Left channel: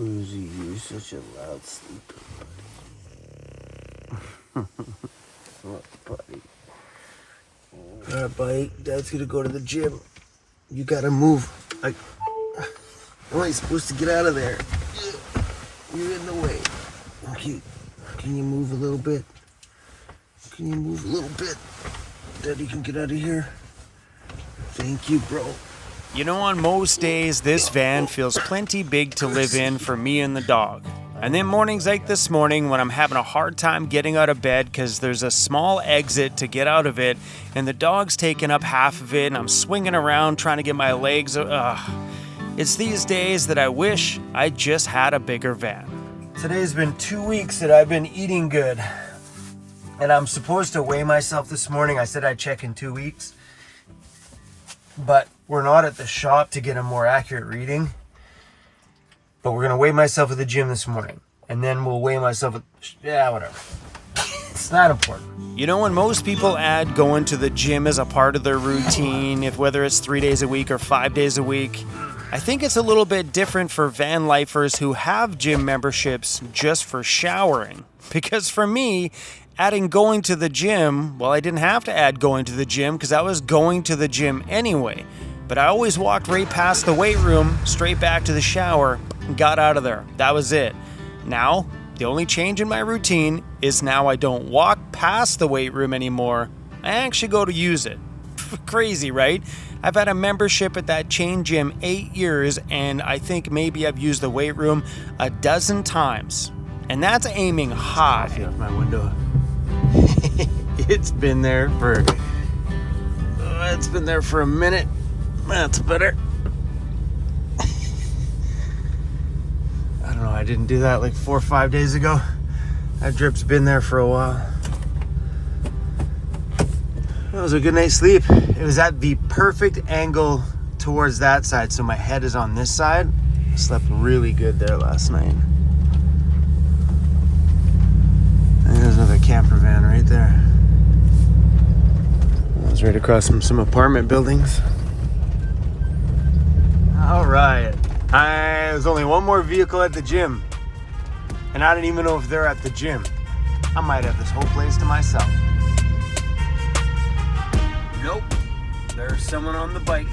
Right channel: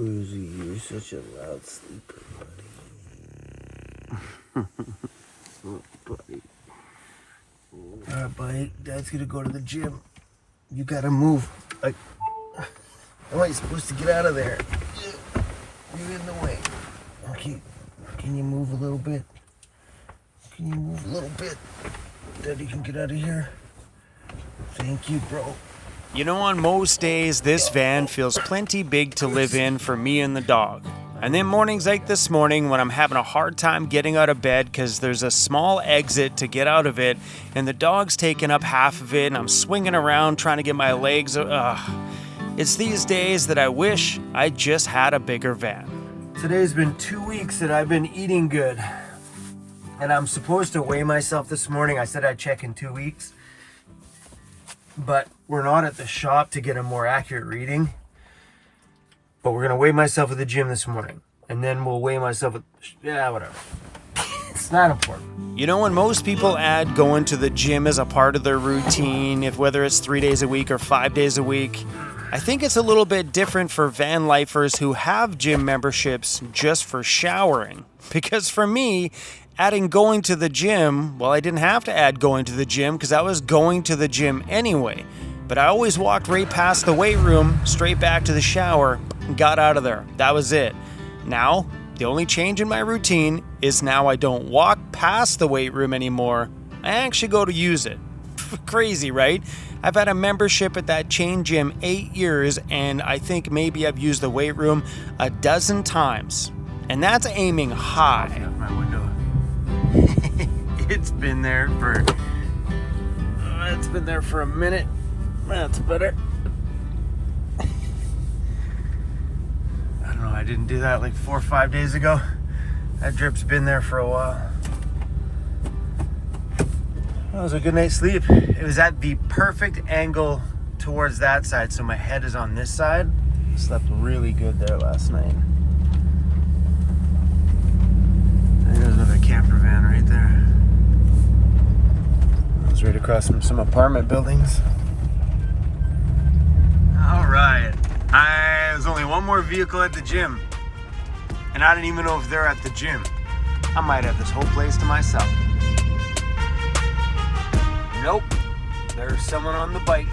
Cruzy, you're such a loud sleeper, buddy. Oh, buddy. Alright, buddy. Dad's gonna go to the gym. You gotta move. How am I supposed to get out of there? You're in the way. Okay. Can you move a little bit? Can you move a little bit? Daddy can get out of here. Thank you, bro. You know, on most days, this van feels plenty big to live in for me and the dog. And then mornings like this morning when I'm having a hard time getting out of bed because there's a small exit to get out of it and the dog's taking up half of it and I'm swinging around trying to get my legs. It's these days that I wish I just had a bigger van. Today's been 2 weeks that I've been eating good. And I'm supposed to weigh myself this morning. I said I'd check in 2 weeks. But we're not at the shop to get a more accurate reading. But we're going to weigh myself at the gym this morning. And then we'll weigh myself at... Yeah, whatever. It's not important. You know, when most people add going to the gym as a part of their routine, if whether it's 3 days a week or 5 days a week, I think it's a little bit different for van lifers who have gym memberships just for showering. Because for me, adding going to the gym, well, I didn't have to add going to the gym because I was going to the gym anyway. But I always walked right past the weight room, straight back to the shower, and got out of there. That was it. Now, the only change in my routine is now I don't walk past the weight room anymore. I actually go to use it. Crazy, right? I've had a membership at that chain gym 8 years, and I think maybe I've used the weight room a dozen times. And that's aiming high. My window. It's been there for a minute. That's better. I don't know, I didn't do that like 4 or 5 days ago. That drip's been there for a while. It was a good night's sleep. It was at the perfect angle towards that side, so my head is on this side. I slept really good there last night. And there's another camper van right there. I was right across from some apartment buildings. All right, there's only one more vehicle at the gym, and I don't even know if they're at the gym. I might have this whole place to myself. Nope, there's someone on the bike.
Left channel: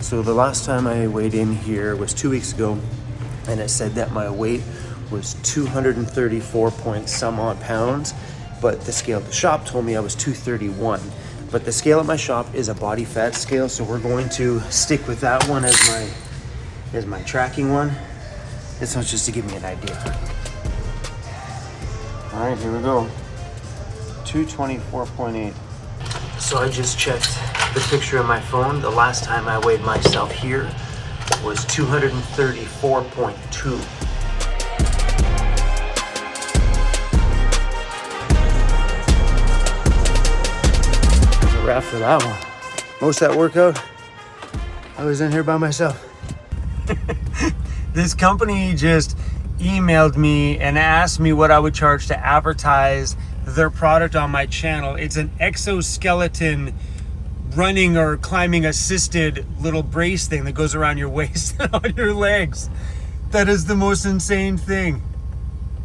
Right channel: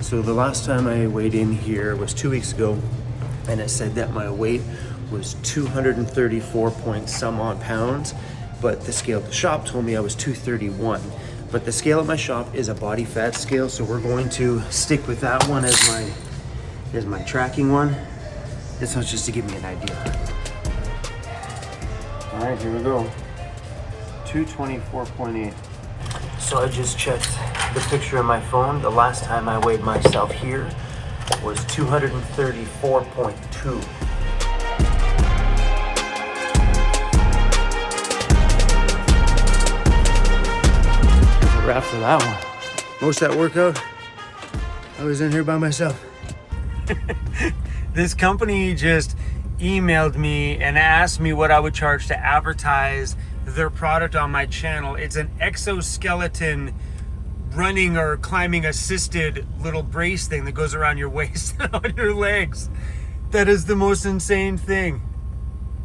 So the last time I weighed in here was 2 weeks ago, and it said that my weight was 234 point some odd pounds. But the scale at the shop told me I was 231. But the scale at my shop is a body fat scale, so we're going to stick with that one as my tracking one. This one's just to give me an idea. All right, here we go. 224.8. So I just checked the picture on my phone. The last time I weighed myself here was 234.2. Wrap for that one. Most of that workout, I was in here by myself. This company just emailed me and asked me what I would charge to advertise their product on my channel. It's an exoskeleton running or climbing assisted little brace thing that goes around your waist and on your legs. That is the most insane thing.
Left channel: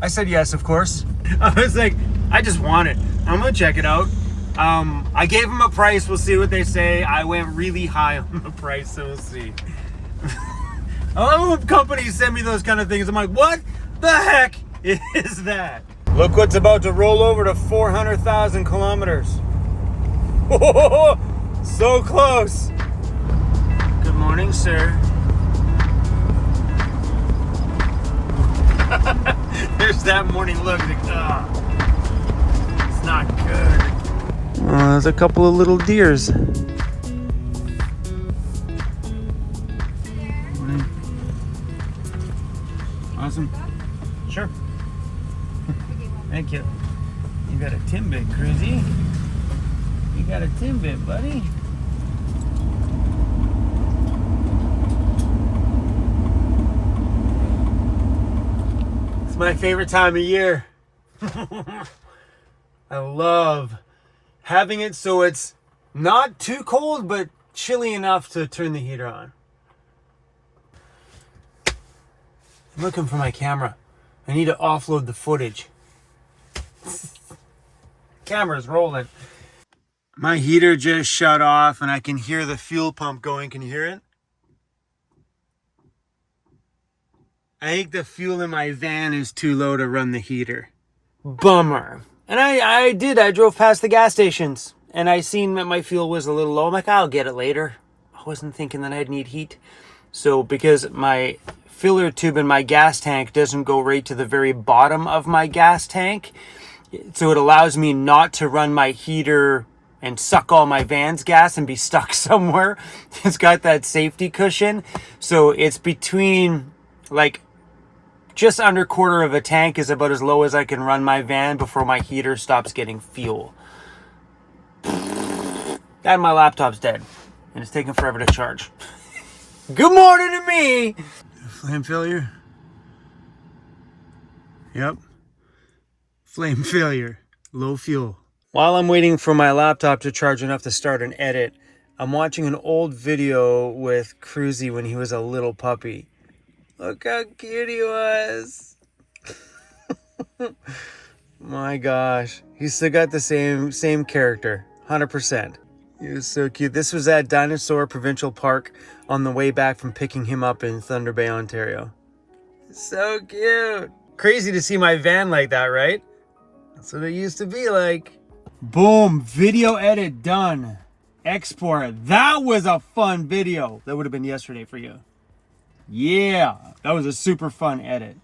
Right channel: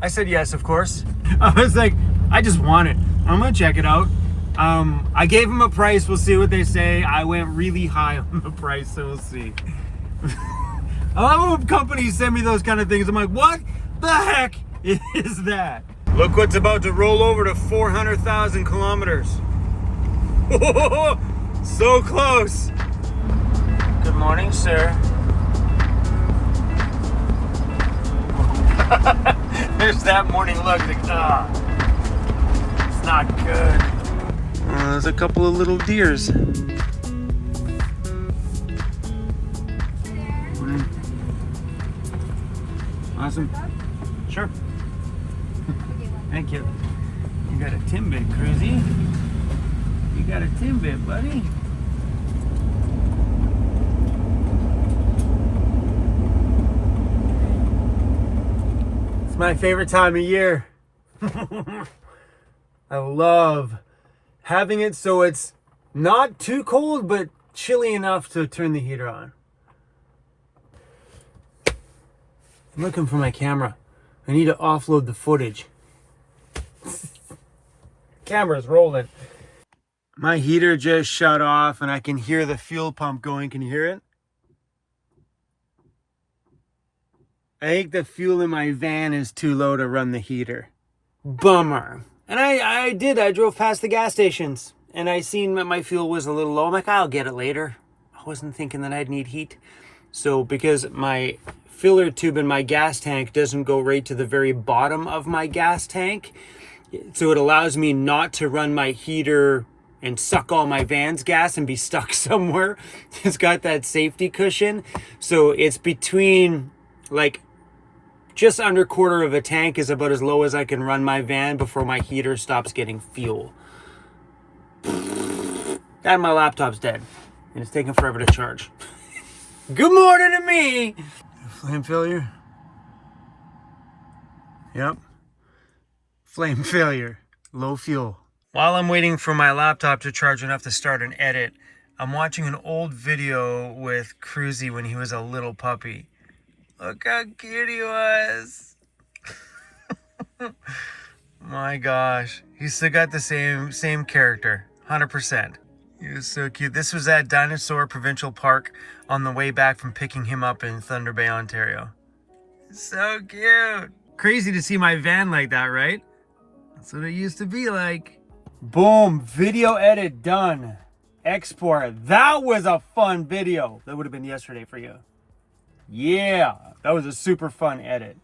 I said yes, of course. I was like, I just want it. I'm gonna check it out. I gave them a price. We'll see what they say. I went really high on the price, so we'll see. I love when companies send me those kind of things. I'm like, what the heck is that? Look what's about to roll over to 400,000 kilometers. So close. Good morning, sir. There's that morning look. Like, it's not good. There's a couple of little deers. Awesome. Sure. Thank you. You got a Timbit, Cruzy. You got a Timbit, buddy. It's my favorite time of year. I love having it so it's Not too cold, but chilly enough to turn the heater on. I'm looking for my camera. I need to offload the footage. Camera's rolling. My heater just shut off and I can hear the fuel pump going. Can you hear it? I think the fuel in my van is too low to run the heater. Bummer. And I drove past the gas stations and I seen that my fuel was a little low. I'm like, I'll get it later. I wasn't thinking that I'd need heat. So because my filler tube in my gas tank doesn't go right to the very bottom of my gas tank, so it allows me not to run my heater and suck all my van's gas and be stuck somewhere. It's got that safety cushion. So it's between like just under quarter of a tank is about as low as I can run my van before my heater stops getting fuel. And my laptop's dead. And it's taking forever to charge. Good morning to me! Flame failure? Yep. Flame failure. Low fuel. While I'm waiting for my laptop to charge enough to start an edit, I'm watching an old video with Cruzy when he was a little puppy. Look how cute he was. My gosh. He's still got the same character. 100%. He was so cute. This was at Dinosaur Provincial Park on the way back from picking him up in Thunder Bay, Ontario. So cute. Crazy to see my van like that, right? That's what it used to be like. Boom. Video edit done. Export. That was a fun video. That would have been yesterday for you. Yeah, that was a super fun edit.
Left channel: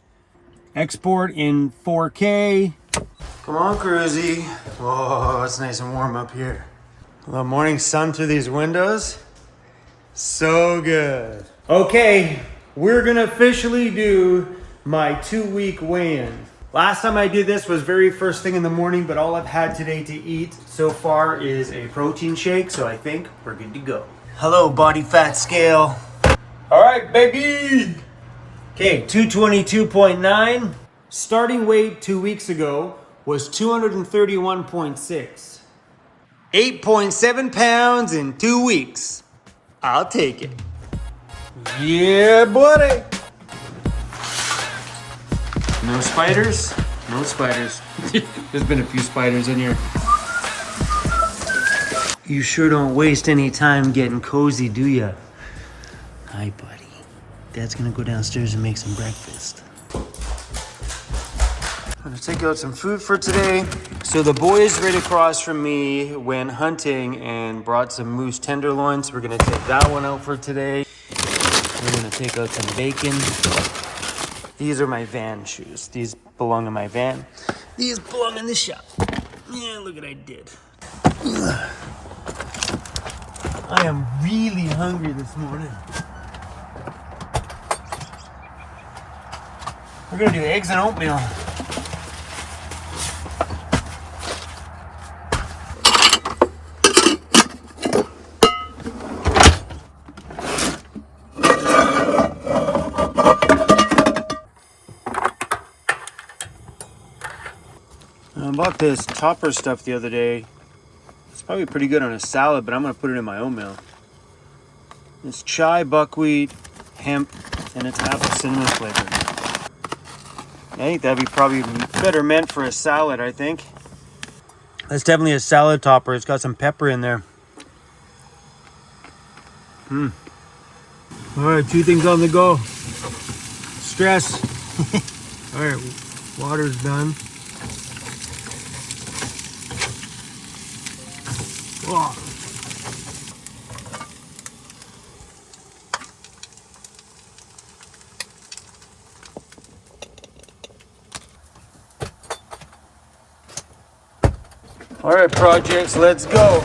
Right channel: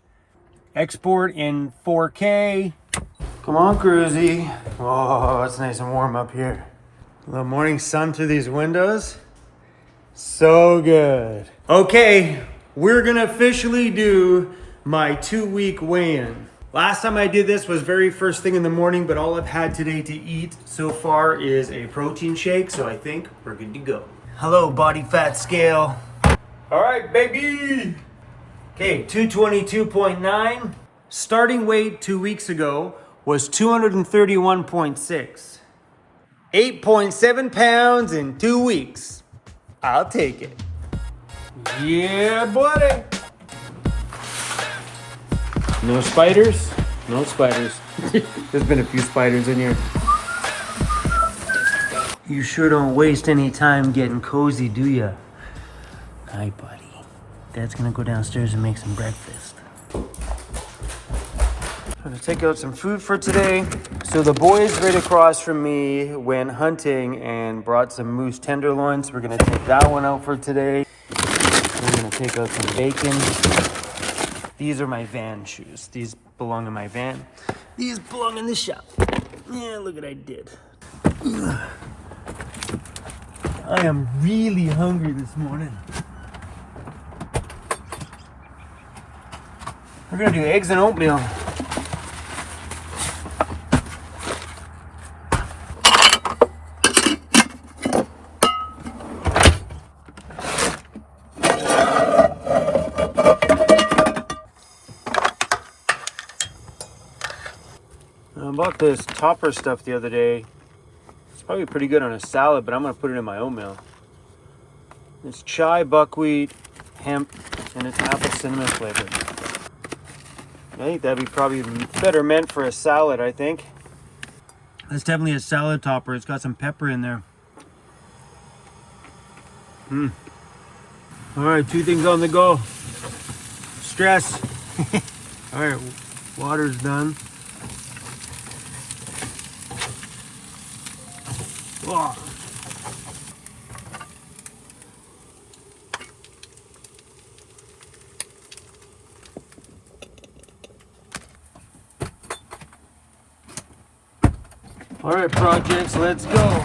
Export in 4K. Come on, Cruzy. Whoa, it's nice and warm up here. The morning sun through these windows. So good. Okay, we're gonna officially do my 2-week weigh-in. Last time I did this was very first thing in the morning, but all I've had today to eat so far is a protein shake, so I think we're good to go. Hello, body fat scale. All right, baby. Okay, 222.9. Starting weight 2 weeks ago was 231.6. 8.7 pounds in 2 weeks. I'll take it. Yeah, buddy. No spiders? No spiders. There's been a few spiders in here. You sure don't waste any time getting cozy, do ya? Hi, buddy. Dad's gonna go downstairs and make some breakfast. I'm gonna take out some food for today. So the boys right across from me went hunting and brought some moose tenderloins. We're gonna take that one out for today. We're gonna take out some bacon. These are my van shoes. These belong in my van. These belong in the shop. Yeah, look what I did. I am really hungry this morning. We're gonna do eggs and oatmeal. I bought this topper stuff the other day. It's probably pretty good on a salad, but I'm gonna put it in my oatmeal. It's chai, buckwheat, hemp, and it's apple cinnamon flavored. I think that'd be probably better meant for a salad, I think. That's definitely a salad topper. It's got some pepper in there. All right, 2 things on the go. Stress. All right, water's done. Oh. All right, projects, let's go.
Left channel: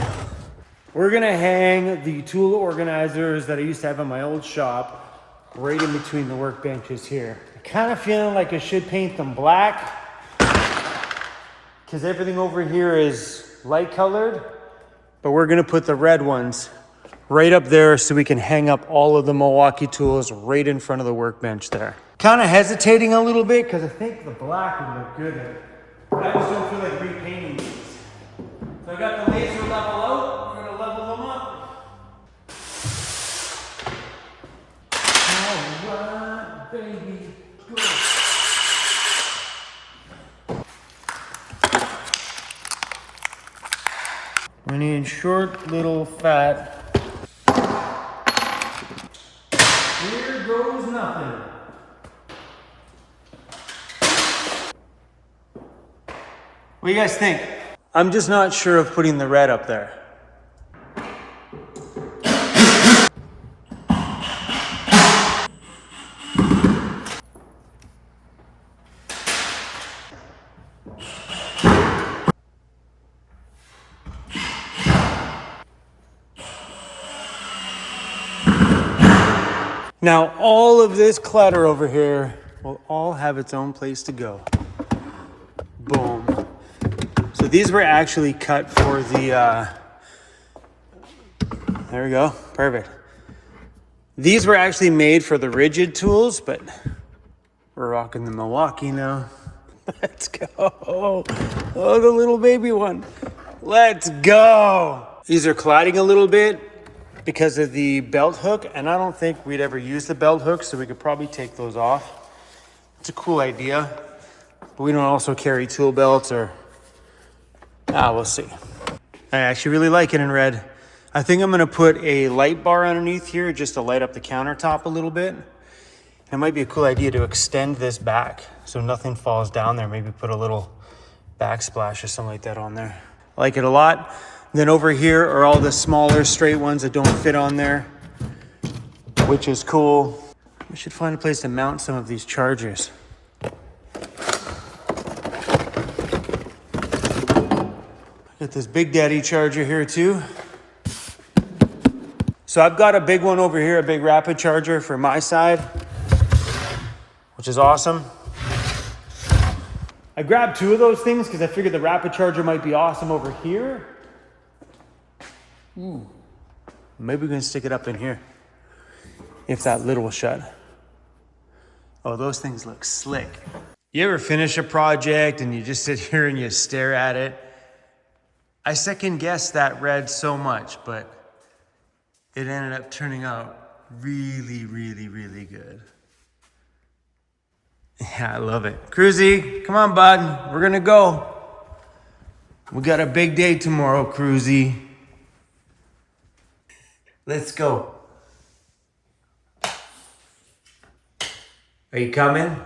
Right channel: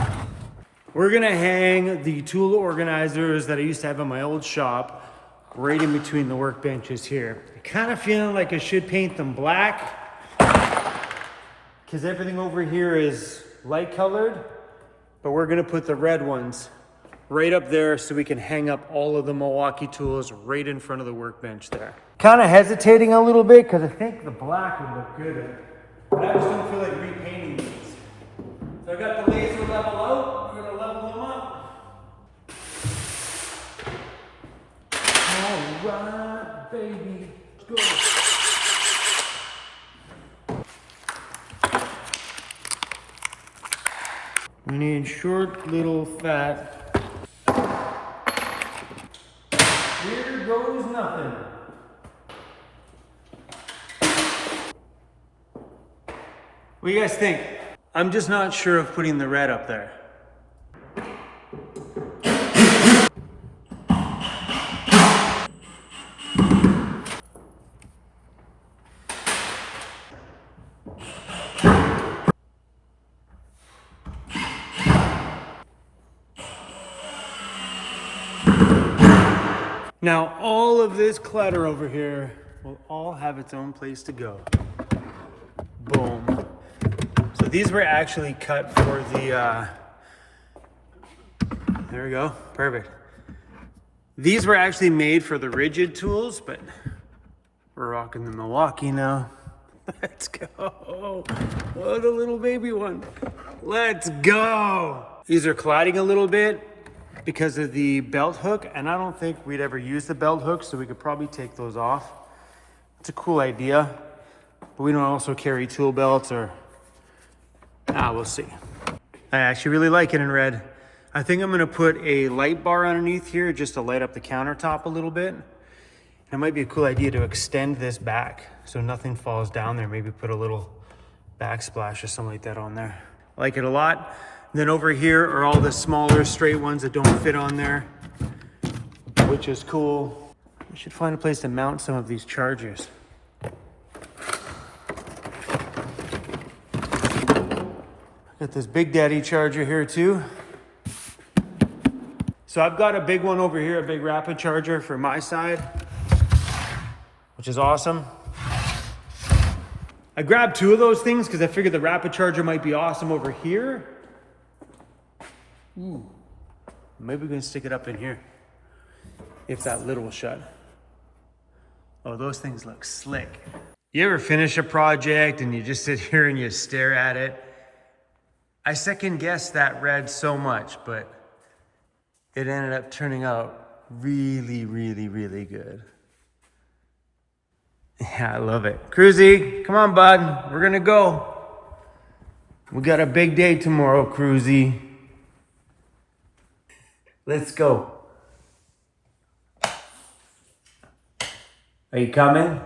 We're gonna hang the tool organizers that I used to have in my old shop right in between the workbenches here. I'm kind of feeling like I should paint them black because everything over here is light colored, but we're gonna put the red ones right up there so we can hang up all of the Milwaukee tools right in front of the workbench there. Kind of hesitating a little bit because I think the black would look good, but I just don't feel like repainting these. So I got the laser level out. We're gonna level right, baby, go. We need short, little, fat. Here goes nothing. What do you guys think? I'm just not sure of putting the red up there. Now, all of this clutter over here will all have its own place to go. Boom. So these were actually cut for the, there we go, perfect. These were actually made for the rigid tools, but we're rocking the Milwaukee now. Let's go. Oh, the little baby one. Let's go. These are colliding a little bit because of the belt hook, and I don't think we'd ever use the belt hook, so we could probably take those off. It's a cool idea, but we don't also carry tool belts or, we'll see. I actually really like it in red. I think I'm gonna put a light bar underneath here just to light up the countertop a little bit. It might be a cool idea to extend this back so nothing falls down there. Maybe put a little backsplash or something like that on there. I like it a lot. Then over here are all the smaller straight ones that don't fit on there, which is cool. We should find a place to mount some of these chargers. Got this Big Daddy charger here too. So I've got a big one over here, a big rapid charger for my side, which is awesome. I grabbed two of those things because I figured the rapid charger might be awesome over here. Maybe we can stick it up in here if that lid will shut. Oh, those things look slick. You ever finish a project and you just sit here and you stare at it? I second guessed that red so much, but it ended up turning out really, really, really good. Yeah, I love it. Cruzy, come on, bud. We're gonna go. We got a big day tomorrow, Cruzy. Let's go. Are you coming?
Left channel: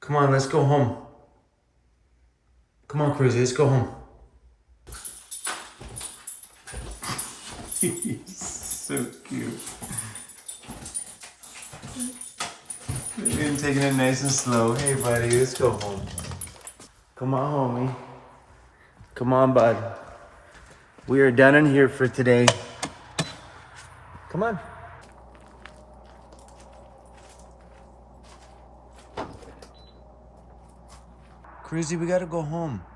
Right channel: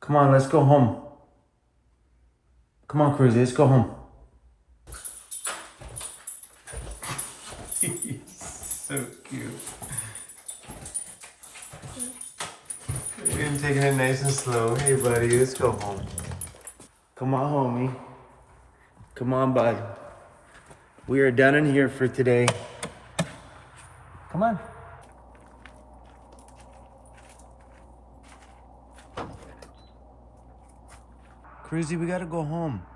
Come on, let's go home. Come on, Cruzy, let's go home. He's so cute. We're taking it nice and slow. Hey, buddy, let's go home. Come on, homie. Come on, bud. We are done in here for today. Come on. Cruzy, we gotta go home.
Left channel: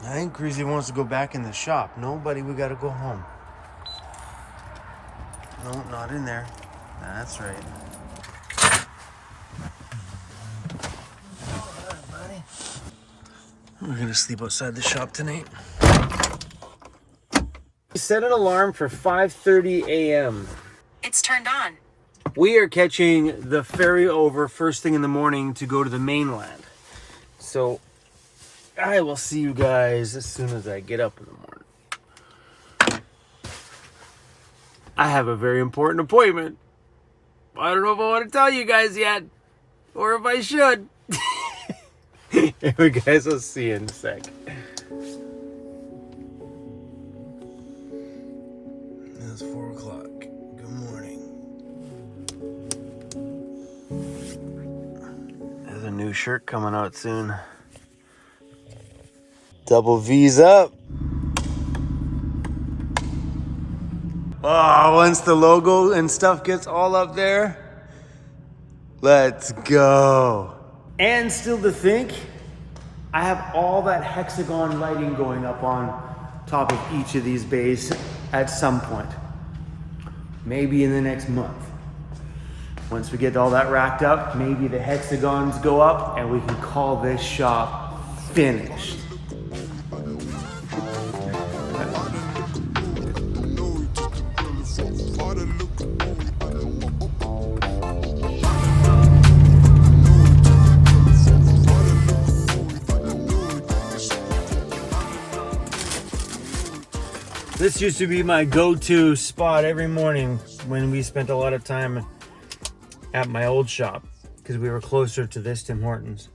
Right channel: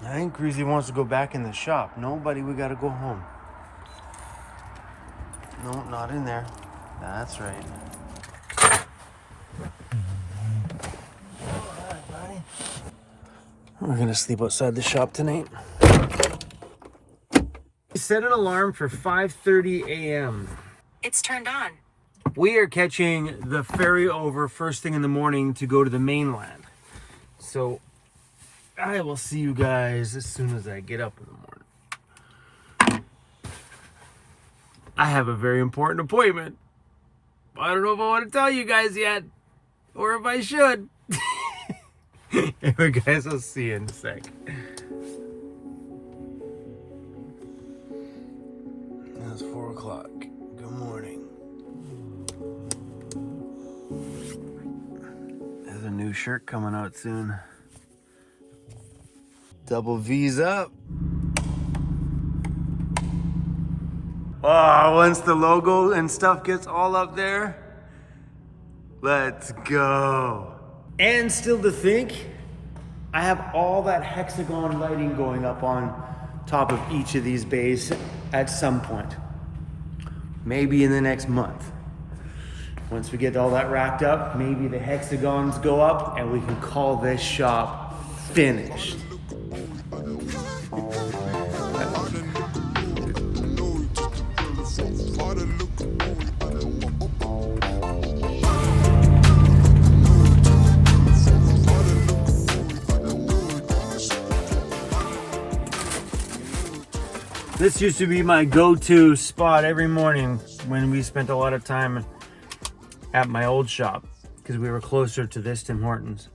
I think Cruzy wants to go back in the shop. No, buddy, we gotta go home. No, not in there. That's right. All right, buddy. We're gonna sleep outside the shop tonight. Set an alarm for 5:30 a.m. It's turned on. We are catching the ferry over first thing in the morning to go to the mainland. So I will see you guys as soon as I get up in the morning. I have a very important appointment. I don't know if I want to tell you guys yet, or if I should. Anyway, guys, I'll see you in a sec. It's 4 o'clock. Good morning. There's a new shirt coming out soon. Double V's up. Oh, once the logo and stuff gets all up there, let's go. And still to think, I have all that hexagon lighting going up on top of each of these bays at some point. Maybe in the next month. Once we get all that racked up, maybe the hexagons go up and we can call this shop finished. This used to be my go-to spot every morning when we spent a lot of time at my old shop because we were closer to this Tim Hortons.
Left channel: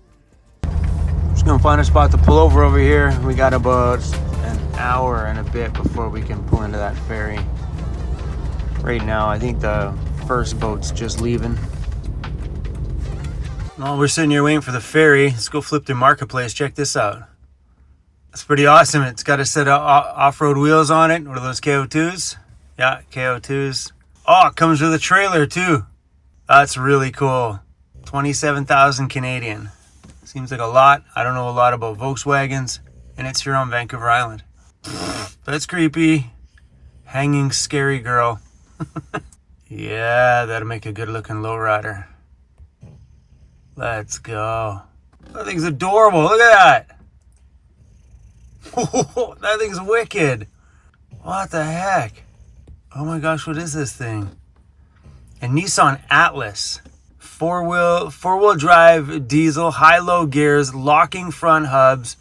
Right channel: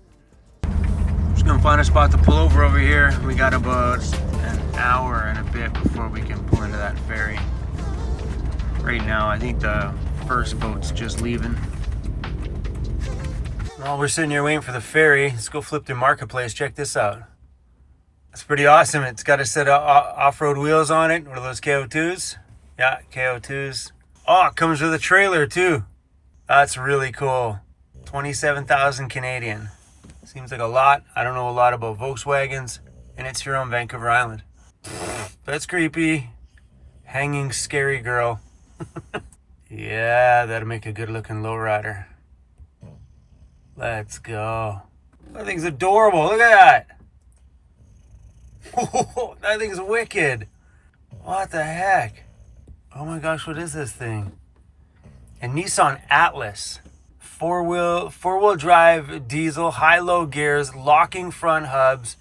Just gonna find a spot to pull over here. We got about an hour and a bit before we can pull into that ferry. Right now, I think the first boat's just leaving. While we're sitting here waiting for the ferry, let's go flip the marketplace. Check this out. It's pretty awesome. It's got a set of off-road wheels on it. What are those, KO2s? Yeah, KO2s. Oh, it comes with a trailer too. That's really cool. 27,000 Canadian. Seems like a lot. I don't know a lot about Volkswagens, and it's here on Vancouver Island. That's creepy. Hanging scary girl. Yeah, that'll make a good looking lowrider. Let's go. That thing's adorable. Look at that. Oh, that thing's wicked. What the heck? Oh my gosh, what is this thing? A Nissan Atlas. Four-wheel drive diesel, high-low gears, locking front hubs,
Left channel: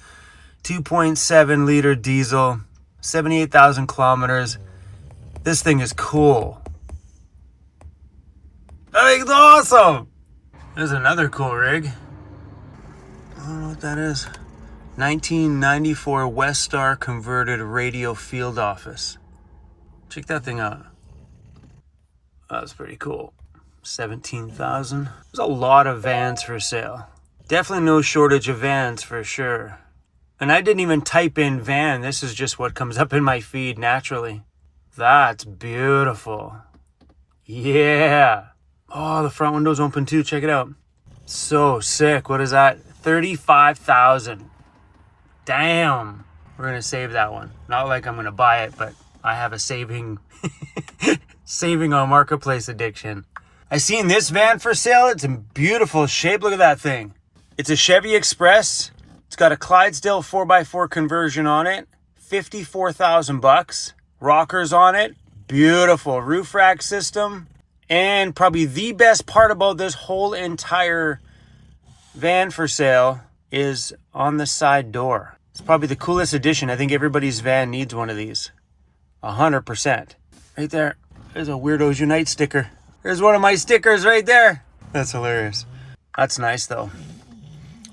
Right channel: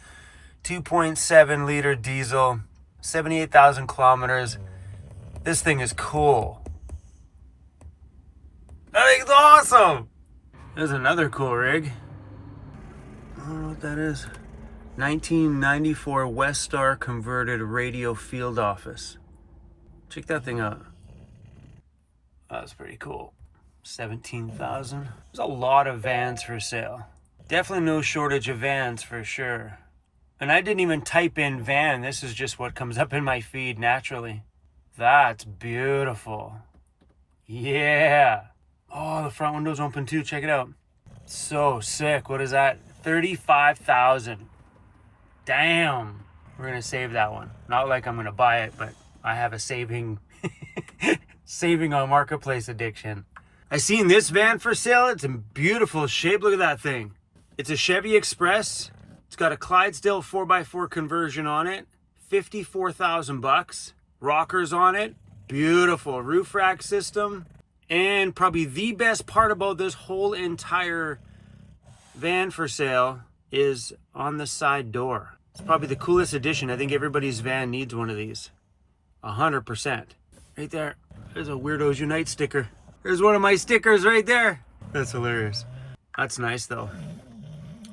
2.7 liter diesel, 78,000 kilometers. This thing is cool. That thing's awesome. There's another cool rig. I don't know what that is. 1994 Westar converted radio field office. Check that thing out. That's pretty cool. 17,000. There's a lot of vans for sale. Definitely no shortage of vans for sure. And I didn't even type in van. This is just what comes up in my feed naturally. That's beautiful. Yeah. Oh, the front window's open too. Check it out. So sick. What is that? 35,000. Damn. We're going to save that one. Not like I'm going to buy it, but I have a saving on marketplace addiction. I seen this van for sale. It's in beautiful shape. Look at that thing. It's a Chevy Express. It's got a Clydesdale 4x4 conversion on it. 54,000 bucks. Rockers on it. Beautiful roof rack system. And probably the best part about this whole entire van for sale is on the side door. It's probably the coolest addition. I think everybody's van needs one of these. 100%. Right there. There's a Weirdos Unite sticker. There's one of my stickers right there. That's hilarious. That's nice though.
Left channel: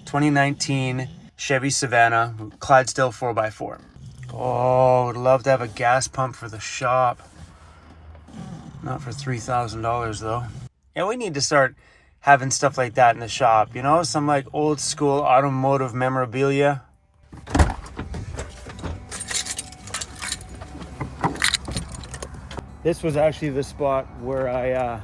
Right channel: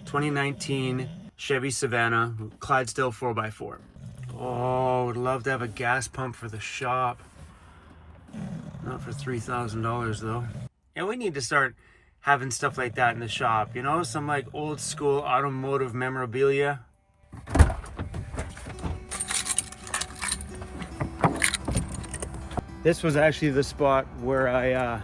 2019 Chevy Savannah, Clydesdale 4x4. Oh, would love to have a gas pump for the shop. Not for $3,000 though. Yeah, we need to start having stuff like that in the shop. You know, some like old school automotive memorabilia. This was actually the spot where I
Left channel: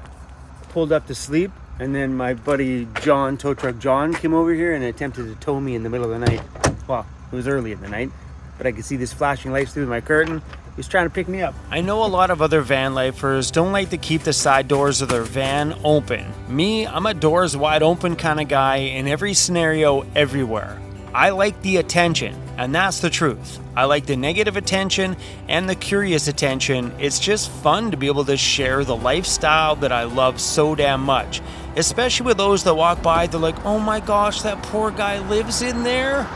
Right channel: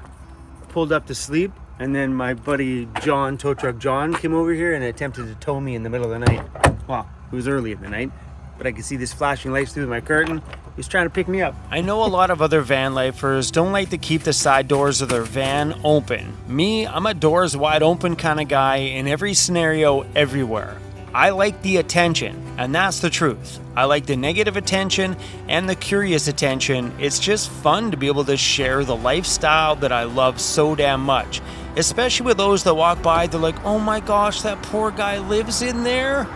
pulled up to sleep, and then my buddy John, tow truck John, came over here and attempted to tow me in the middle of the night. Well, it was early in the night, but I could see this flashing lights through my curtain. He was trying to pick me up. I know a lot of other van lifers don't like to keep the side doors of their van open. Me, I'm a doors wide open kind of guy in every scenario, everywhere. I like the attention, and that's the truth. I like the negative attention and the curious attention. It's just fun to be able to share the lifestyle that I love so damn much. Especially with those that walk by, they're like, oh my gosh, that poor guy lives in there?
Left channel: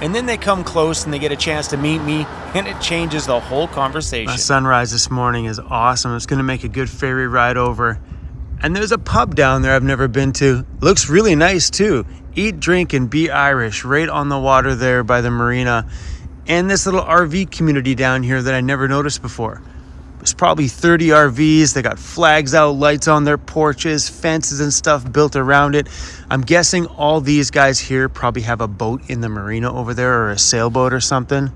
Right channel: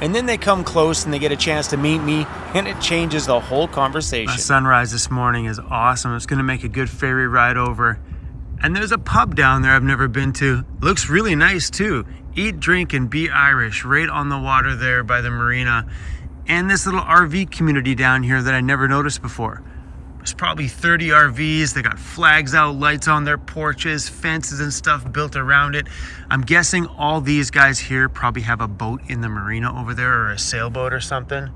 And then they come close and they get a chance to meet me, and it changes the whole conversation. The sunrise this morning is awesome. It's going to make a good ferry ride over. And there's a pub down there I've never been to. Looks really nice too. Eat, drink, and be Irish right on the water there by the marina. And this little RV community down here that I never noticed before. There's probably 30 RVs. They got flags out, lights on their porches, fences and stuff built around it. I'm guessing all these guys here probably have a boat in the marina over there, or a sailboat or something.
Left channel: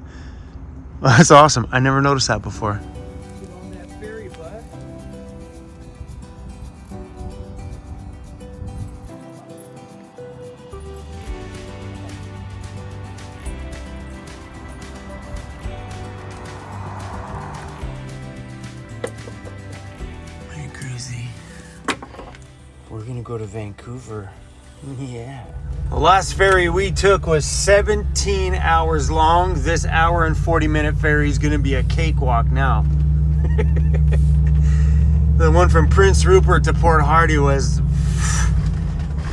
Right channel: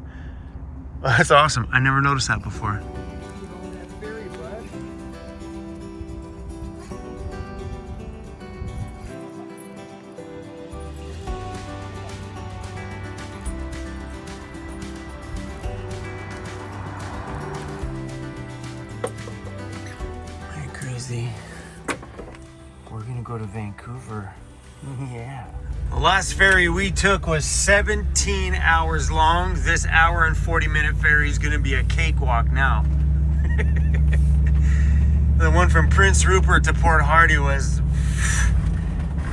That's awesome. I never noticed that before. We're gonna go to Vancouver. Yeah. The last ferry we took was 17 hours long. This hour and 40-minute ferry is gonna be a cakewalk now. The one from Prince Rupert to Port Hardy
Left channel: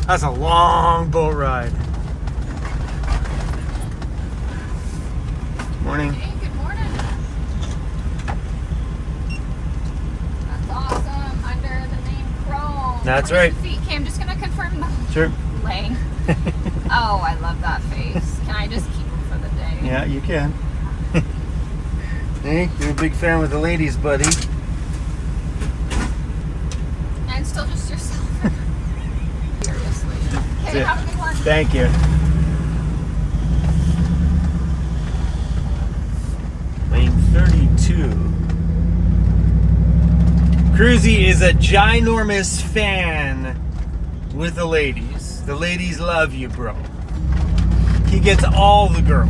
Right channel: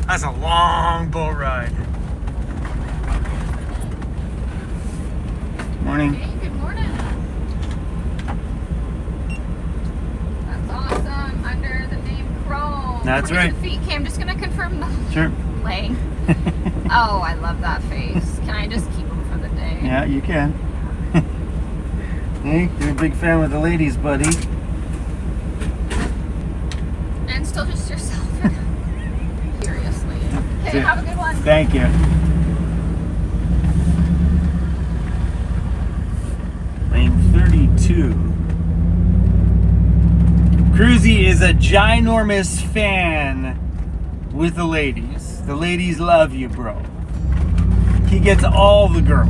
that's a long boat ride. Morning. Hey, good morning. That's right. Feet. Okay, I'm just gonna confirm the Sure. leg. Oh, I love that face. Can I just keep him for the day? Yeah, you can. Hey, you're a big fan with the ladies, buddy. And still just yourself. Seriously. Hey, have a good one. Thank you. Lane 32. Cruzy is a ginormous fan with the ladies. The ladies love you, bro. He gets all the girls.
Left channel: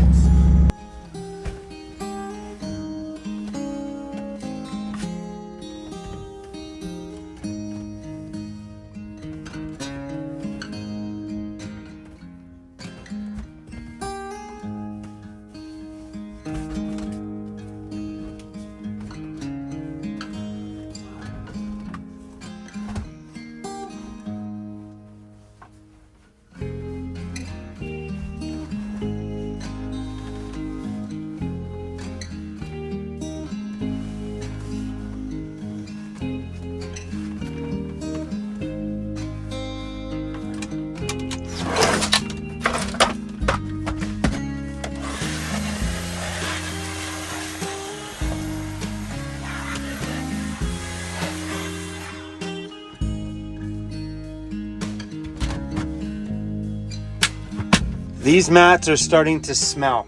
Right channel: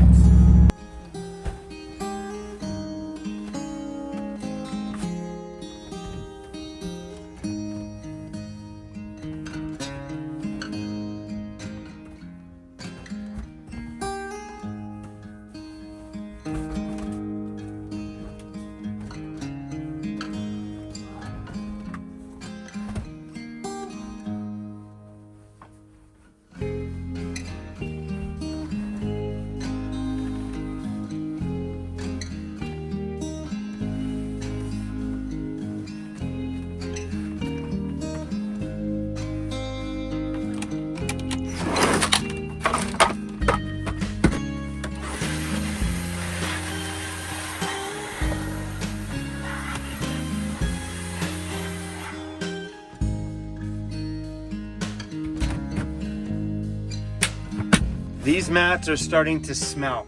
These mats are starting to smell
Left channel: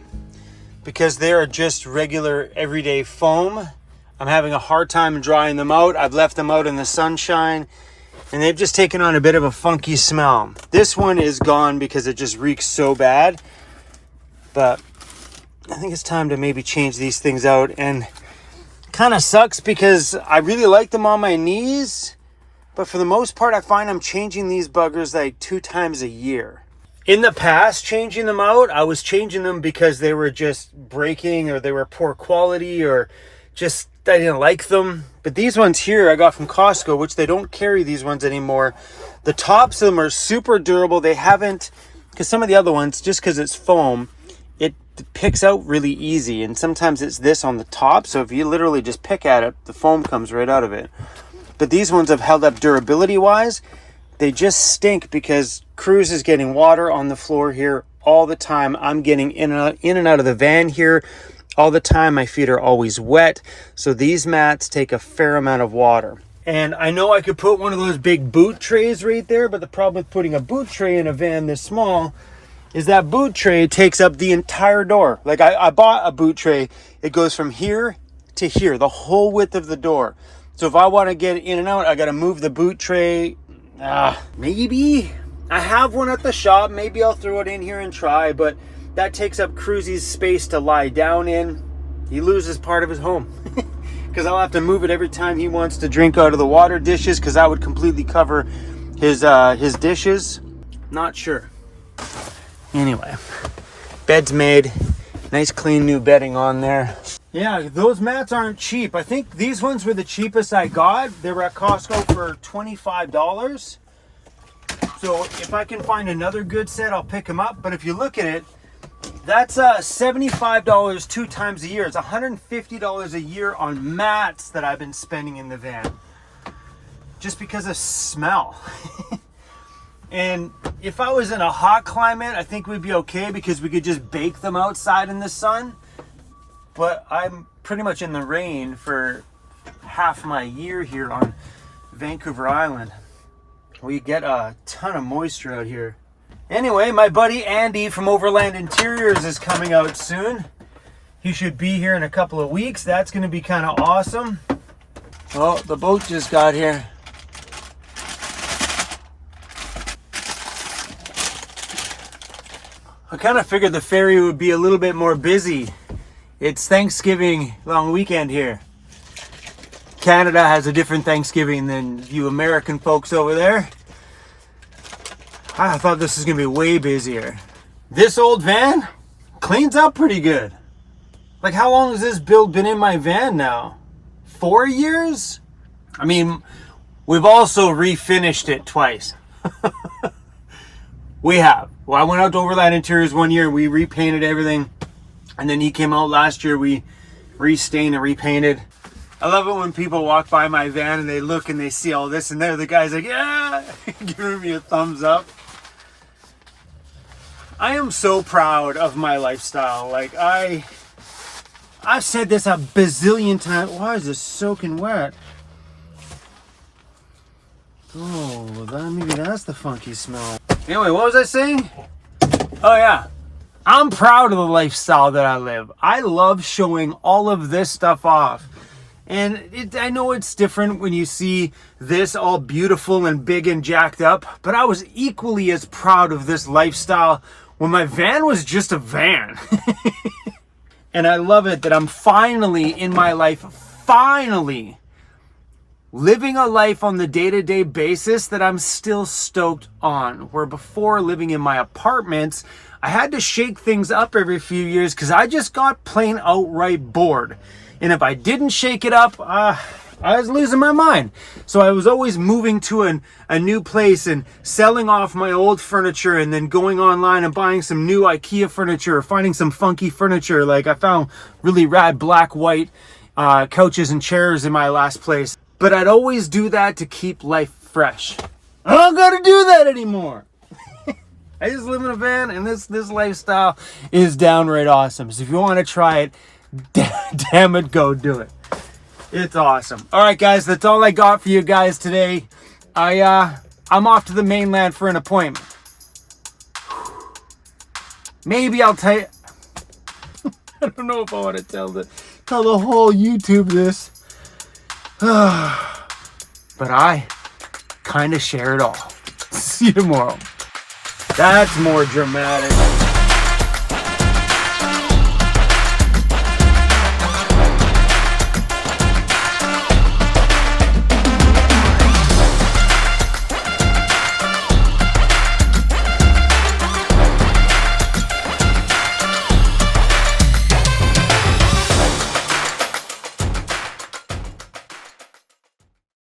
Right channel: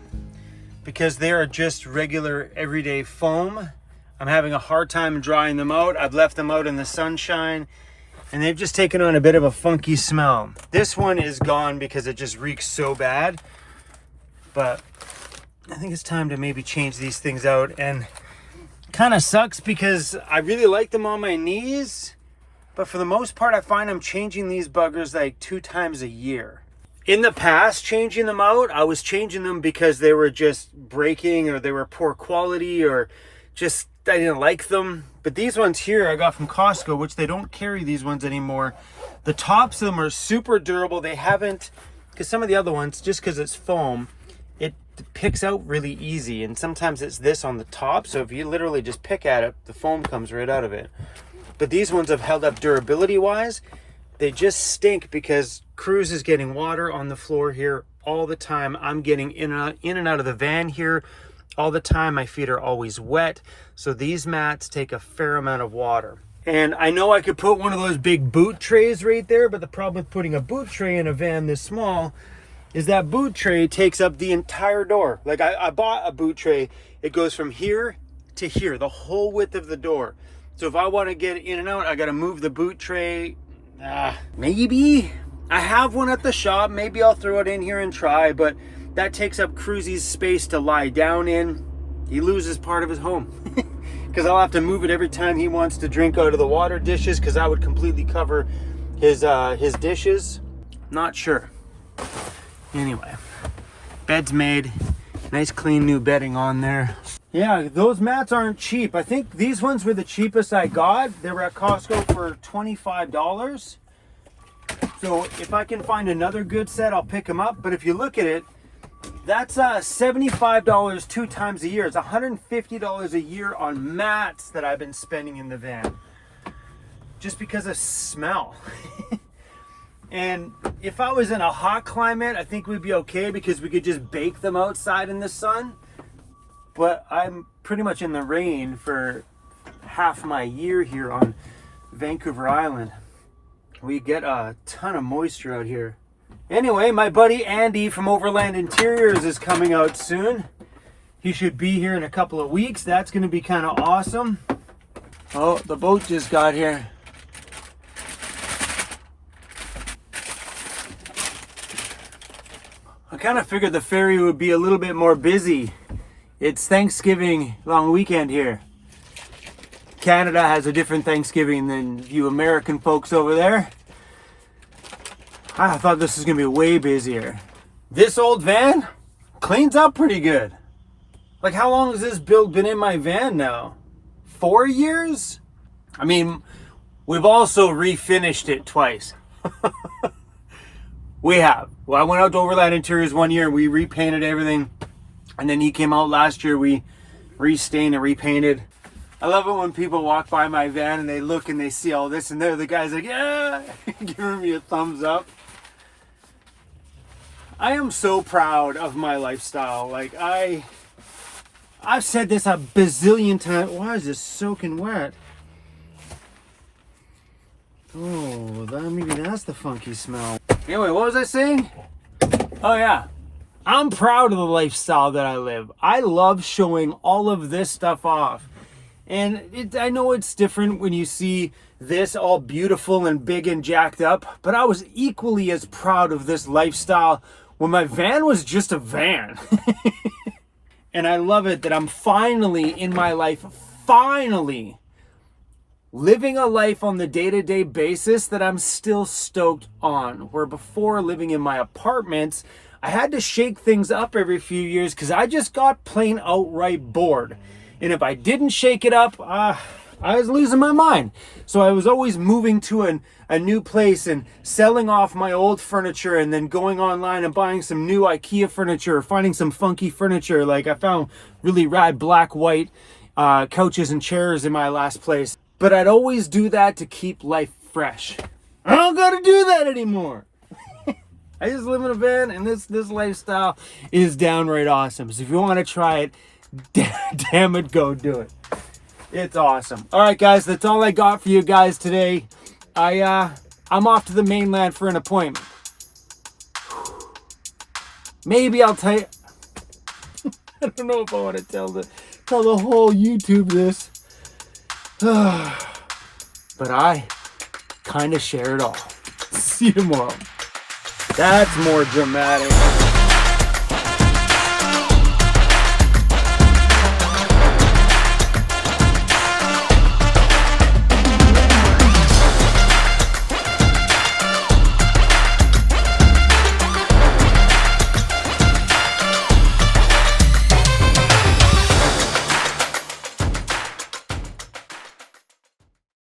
because they are just regular everyday foam. I'm having a hard time drying them out. I've left them out in the sunshine and they've just taken on a bit of a funky smell. This one is gone because it just reeks so bad, but I think it's time to maybe change these things out. And kind of sucks because I really like them on my knees, but for the most part I find I'm changing these buggers like 2 times a year. In the past, changing them out, I was changing them because they were just breaking or they were poor quality or just I didn't like them. But these ones here I got from Costco, which they don't carry these ones anymore. The tops of them are super durable. They haven't, because some of the other ones, just because it's foam, it picks out really easy. And sometimes it's this on the top. So if you literally just pick at it, the foam comes right out of it. But these ones have held up durability wise. They just stink because Cruz is getting water on the floor here all the time. I'm getting in and out of the van here all the time. My feet are always wet. So these mats take a fair amount of water. And I know I could put one of those big boot trays right there, but the problem with putting a boot tray in a van this small is that boot tray takes up the entire door. Like I bought a boot tray. It goes from here to here, the whole width of the door. So if I want to get in and out, I got to move the boot tray. Maybe I have one at the shop. Maybe I'll throw it in here and try, but that takes up Cruzy's space to lie down in. He loses part of his home because I'll have to move it every time he wants to drink out of the water dishes, because that would completely cover his dishes. Not sure. Anyway, bed's made. Nice clean new bedding on there. Yeah, those mats aren't cheap. I think these ones were the cheapest I got. They were at Costco for $25. So if I can find another good set, I'll pick them up. But if you look at it, that's $75 2 times a year. It's $150 a year on mats that I've been spending in the van just because of smell. And if I was in a hot climate, I think we'd be okay because we could just bake them outside in the sun. But I'm pretty much in the rain for half my year here on Vancouver Island. We get a ton of moisture out here. Anyway, my buddy Andy from Overland Interiors is coming out soon. He should be here in a couple of weeks. That's going to be kind of awesome. Oh, the boat just got here. I kind of figured the ferry would be a little bit more busy. It's Thanksgiving long weekend here. Canada has a different Thanksgiving than you American folks over there. I thought this was gonna be way busier. This old van cleans up pretty good. Like, how long has this build been in my van now? 4 years? I mean, we've also refinished it twice. We have. Well, I went out to Overland Interiors one year and we repainted everything. And then he came out last year, we restained and repainted. I love it when people walk by my van and they look and they see all this and they're the guys like, yeah, giving me a thumbs up. I am so proud of my lifestyle. Like I've said this a bazillion times. Why is this soaking wet? Oh, maybe that's the funky smell. Anyway, what was I saying? Oh yeah. I'm proud of the lifestyle that I live. I love showing all of this stuff off. And I know it's different when you see this all beautiful and big and jacked up, but I was equally as proud of this lifestyle when my van was just a van. And I love it that I'm finally in my life, living a life on the day-to-day basis that I'm still stoked on. Where before, living in my apartments, I had to shake things up every few years because I just got plain outright bored. And if I didn't shake it up, I was losing my mind. So I was always moving to a new place and selling off my old furniture and then going online and buying some new IKEA furniture or finding some funky furniture. Like I found really rad black, white couches and chairs in my last place. But I'd always do that to keep life fresh. I don't gotta do that anymore. I just live in a van and this lifestyle is downright awesome. So if you want to try it, damn it, go do it. It's awesome. All right, guys, that's all I got for you guys today. I'm off to the mainland for an appointment. Maybe I'll tell you. I don't know if I want to tell the whole YouTube this. But I kind of share it all. See you tomorrow. That's more dramatic.